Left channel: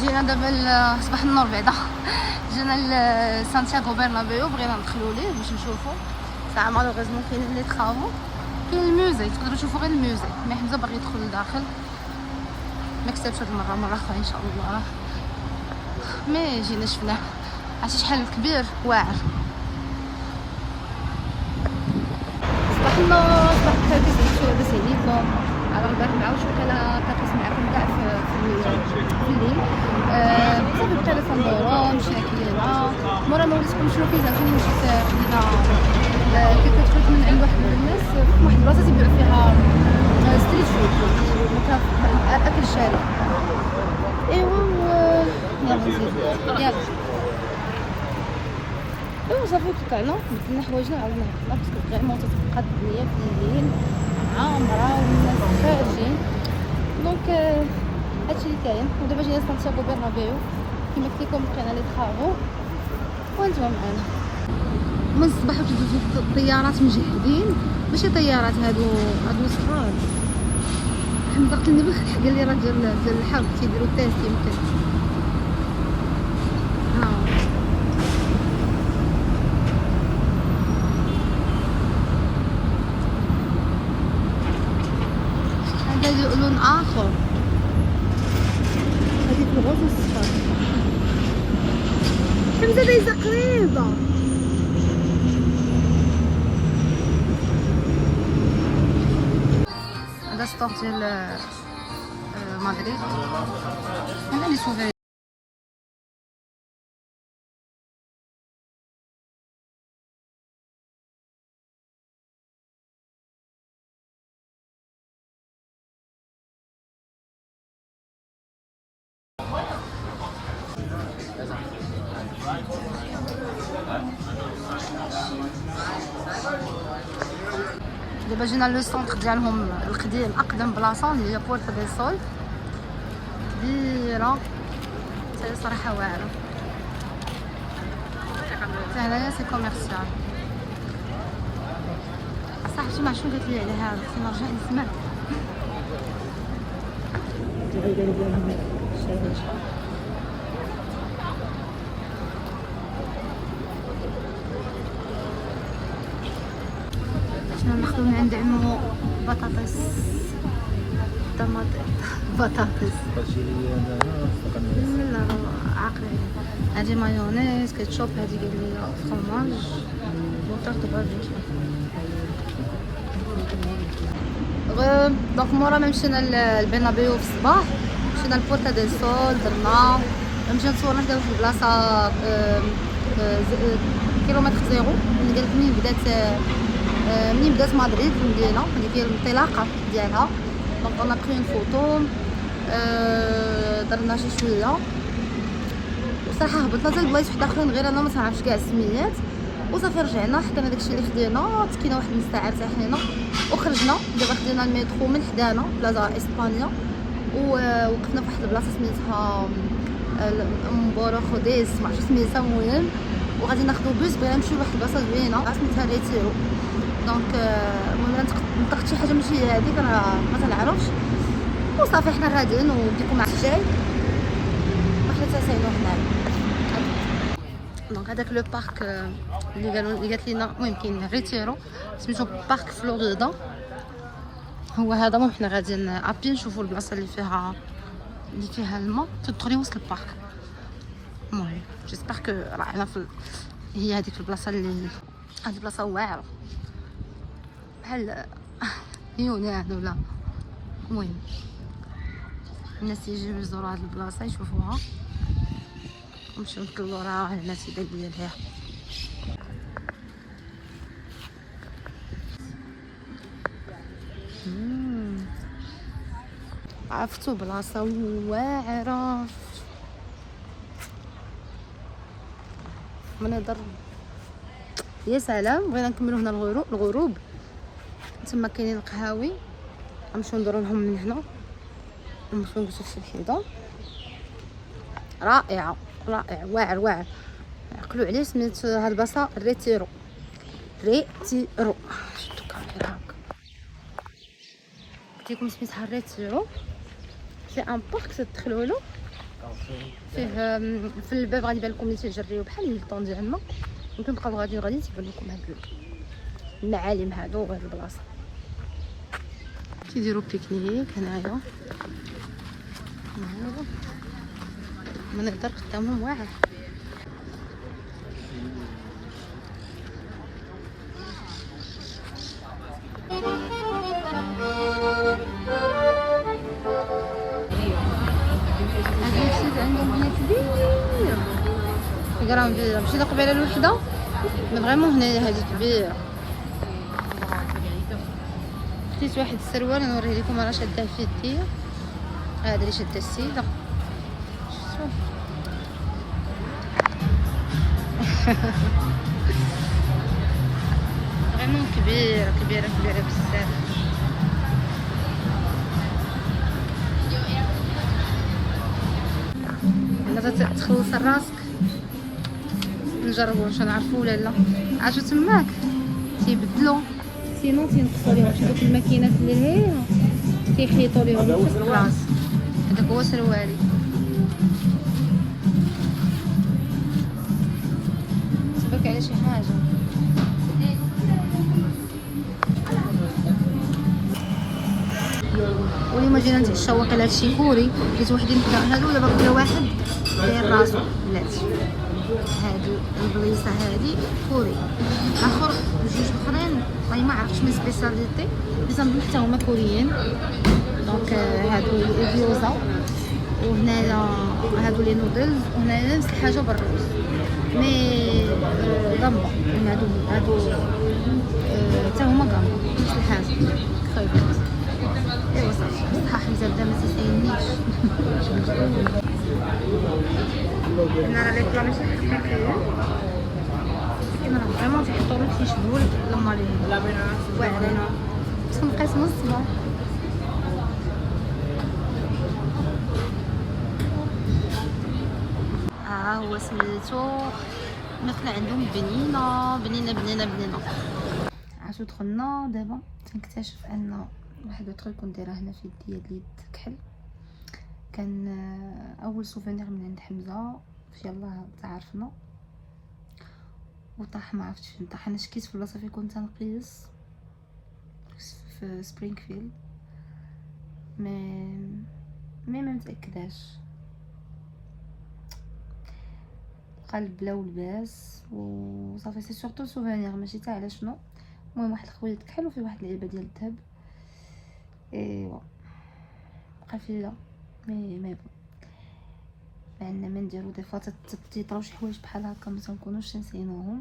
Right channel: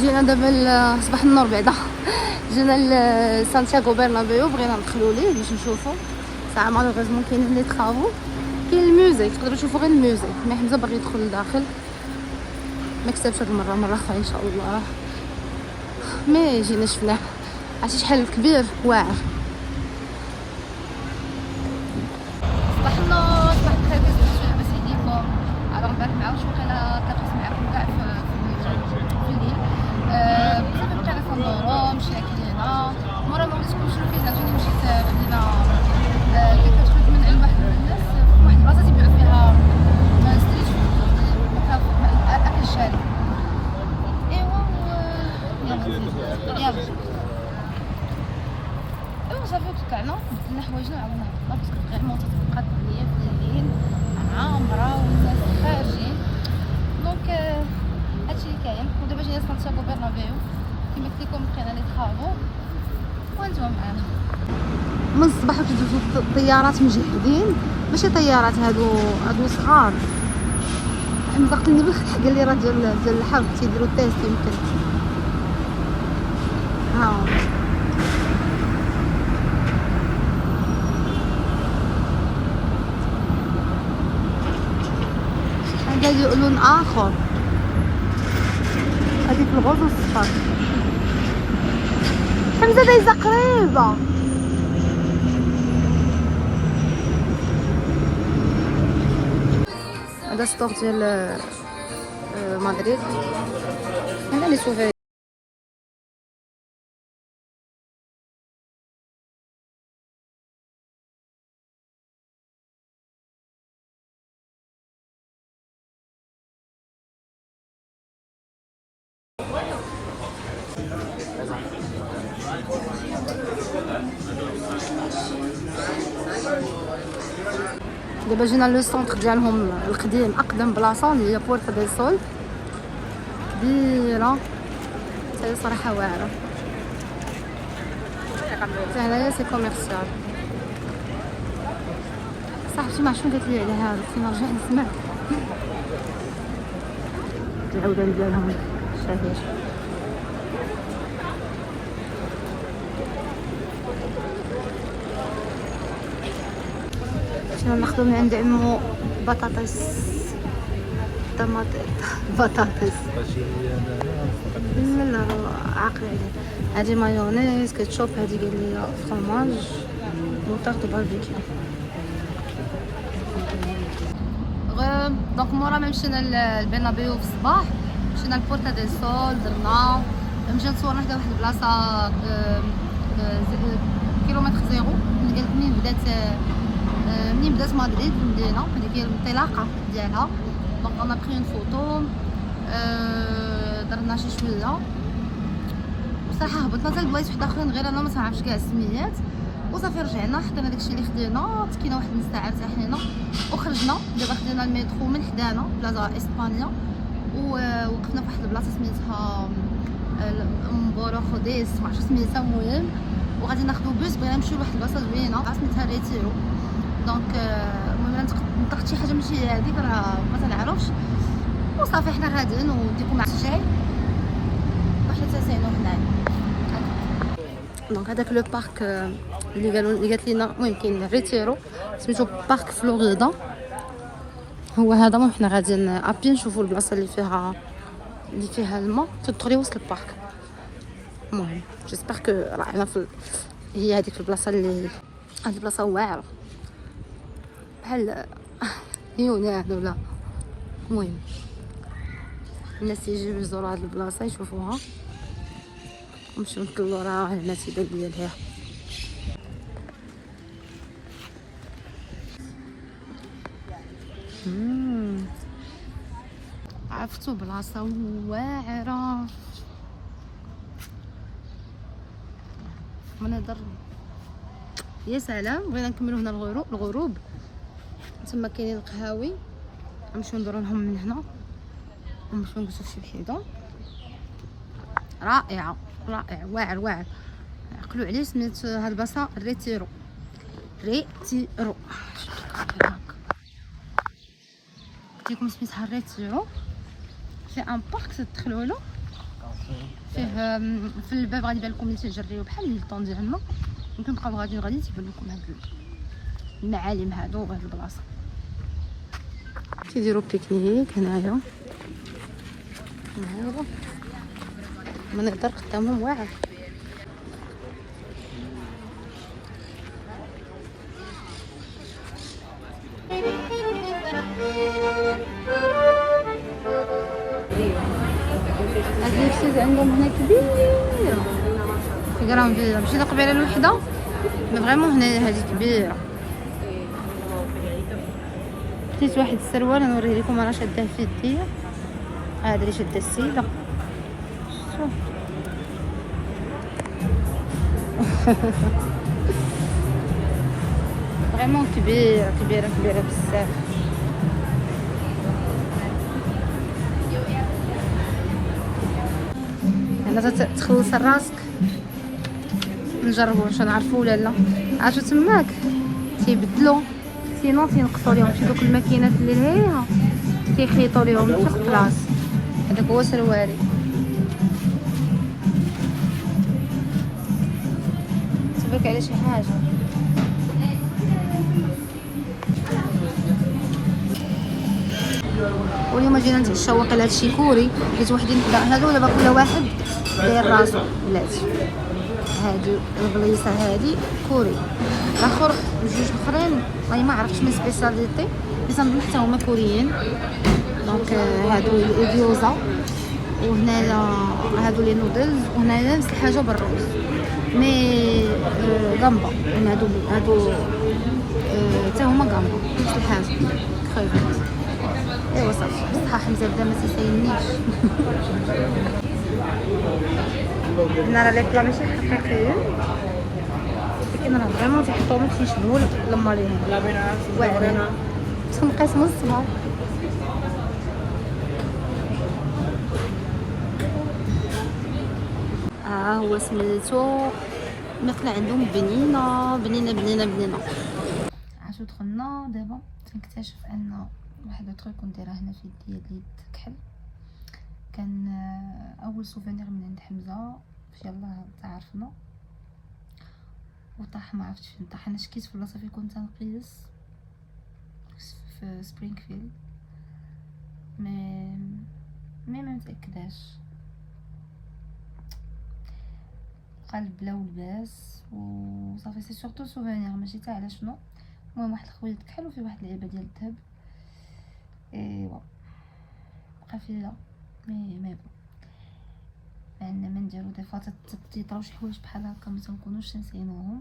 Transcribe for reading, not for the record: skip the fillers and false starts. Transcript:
جينا دابا صباح النور بعدا جينا لسانتياغو برنابيو، بغينا ندخلو ليه باش نشوفو ساعه مالوغوزمون كاين لي تخافو، كاين الموزيك تقدروا تشوفوا غير الموزيك، مي حمزه باغي يدخل لداخل ما كتبش هاد المره، مره اخرى ان شاء الله. مي جينا شفناه، عرفتي شحال كبير واعر. صباح النور، صباح الخير، كيفاش لاباس عليكم؟ على البارح مع واش وكاله تلاقيت معكم كاع في الليل. صافي بقينا تندورو، مشينا كلينا مورا ما وليتكم شنو كاين، عاوتاني مشيت خدينا كيكو تخرج من عند واحد الناس في واحد البلاصه تيبيعوا فيها ستريت فود، يعني اكل الشارع. ايوا يلا نزيد يلا. ايوا صافي طلعنا بدلنا حوايجنا عاودنا نطلع، باسكو فريمون تتبقى الدنيا في الليل عامره والناس خارجين، دونك هادشي اللي كاين. ودابا جينا سانتياغو برنابيو كيما قلت لكم، لقينا لي طرافو وانتما معانا. من الصباح وتدوزو الطيارات مجهدين، ماشي طيارات هادو صغار. حمزه قتلني بالخح، قال لي راه ديال الحظ تيديروا التيست يمكن. ها هذا لون اخر، هذيك الغوز والصفر. حمزه دايزه قريبه. هذا ستور ديال مدريد، هنا لي سوفي. دابا جينا لو سونتر ديالهم القديم، اقدم بلاصه اللي هي بورتا ديل سول، كبيره حتى صراحه واعره. حتى هنايا سي كوميرسيال. صاحبتي ما شنو قالت لي على هذا، خصني نرجع نسمع العودان ديالهم شاهيش. شنو ناخذ من عند عمو؟ بطاطس، طماطم، بطاطس، لا لا عاقله عليه. هادي مايونيز، كيتشوب، هادي قال لي فرماج، وطاط باربيكيو. دونك مورا ما مشينا للبرنابيو في الصباح، مشينا لبورتا ديل سول، درنا مشينا تصورنا في واحد البلاصه كيلومتر زيرو، اللي قالت منين بدات مدريد في المدينه، هذه هي الانطلاقه ديالها. دونك انا بري اون فوتو، درنا شي شويه، وصراحه هبطنا حتى لبلايص واحد اخرين غير انا ما تعرفش كاع السميات، وصافي رجعنا حطينا داكشي اللي خدينا، تكينا واحد نص ساعه ارتاحينا وخرجنا. دابا خدينا المترو من حدانا بلاصه اسبانيا، ووقفنا في واحد البلاصه سميتها مبورو خوديس، ما عرفتش سميتها، المهم وغادي ناخذ بوس بغينا نمشيو لواحد البلاصه زوينه سميتها ريتيرو. دونك المهم نطقت شي حاجه ماشي هذيك، راه ما تنعرفش، وصافي حنا غاديين وديكم مع الرجال وحنا تاساينو هنايا. دونك هذاك لو بارك اللي قالت لينا، المهم كاين ريتيرو سميتو بارك فلوريدا، هو هذا. وحنا غاديين ابي نشوفوا البلاصه اللي فيها الماء تدخلي وسط البارك. المهم جيسبر كو رانا هي هذيك البلاصه اللي هذه بلاصه واعره بحال يونان ولا. المهم الناس يجيو يزوروا هاد البلاصه يشوفوها، نمشيو نطلعوا راه الناس ديالها. عرفتو بلاصه واعره، منظر يا سلام. بغينا نكملوا هنا الغروب، تما كاينين القهاوي، غنمشيو ندورو لهم من هنا، نمشيو نجلسو فشي وحده رائعه واعر. عقلوا عليه سميت هاد البلاصه ريتيرو. قلت لكم سميتها ريتيرو، سي ان بارك تدخلوا له فيه في الباب غادي يبان لكم اللي تجريو بحال البلطون ديالنا. ممكن تبقاو غادي تيبان لكم هاد المعالم هادو وهاد البلاصه. كيديروا بيكنيك هنايا، منظر قدامهم واعر. هذا الشيء عندهم هنا كبير، كراهم مشينا قبيله الوحده فريمون هنا هذه كبيره. خديت واحد السروال نوريه لكم انا شاده في يديا، هذه اللي شاده السيده. فريمون كبيره كبيره كبيره بزاف. انا تخلص راسك نجربوا واش نعرفوا ولا لا. عاشو تماك تيبدلوا سينو تينقصوا ليهم شي دوك الماكينات اللي هي تيخيطوا ليهم في البلاص. هذاك هو سروالي. تبارك على شي حاجه. واليوم جينا نتعشاو واكل هادشي كوري، حيت وحدين حدا هادو دابا كل واحد داير راسو بلاتي. هادي البليصه هادي كوري، الاخر جوج اخرين راني ما عرفتش من سبيساليتي بس نظن حتى هما كوريين. دونك هادو الجيوزا، وهنايا هادو لي نودلز، وهنايا نفس الحاجه بالروز مي غامبا. هادو حتى هما غامبا نفس الحاجه خيبات. ايوا صافي بصحه حمزه بدا ما تسايلنيش. هنا راه لي بلا ماشي حقيقيين، ولكن راه فريمون تيحطوهم تيشبهوا الماريني واعرين تنقسموا الصغار. هو سميتو الماكله عندهم بنينه بنينه بنينه بنينه. عاشو دخلنا دابا تنكتشف ان واحد التريك كنت دايره هنا في يديا اليد كحل. كان اول سوفينير من عند حمزه في يلاه تعرفنا وطاح، ما عرفتش فين طاح. انا شكيت في بلاصه فين كنت نقيس في سبرينغفيلد ما متاكداش. قلب بلا ولباس وصافي. سي سورتو سوفينير ماشي تاع على شنو. المهم واحد الخويا كحل وفيه واحد العلبه ديال الذهب. ايوا بقى فيا مي عندنا ما نديرو دي فوا تيطراو شي حوايج بحال هكا ما تنكونوش تنسينوهم.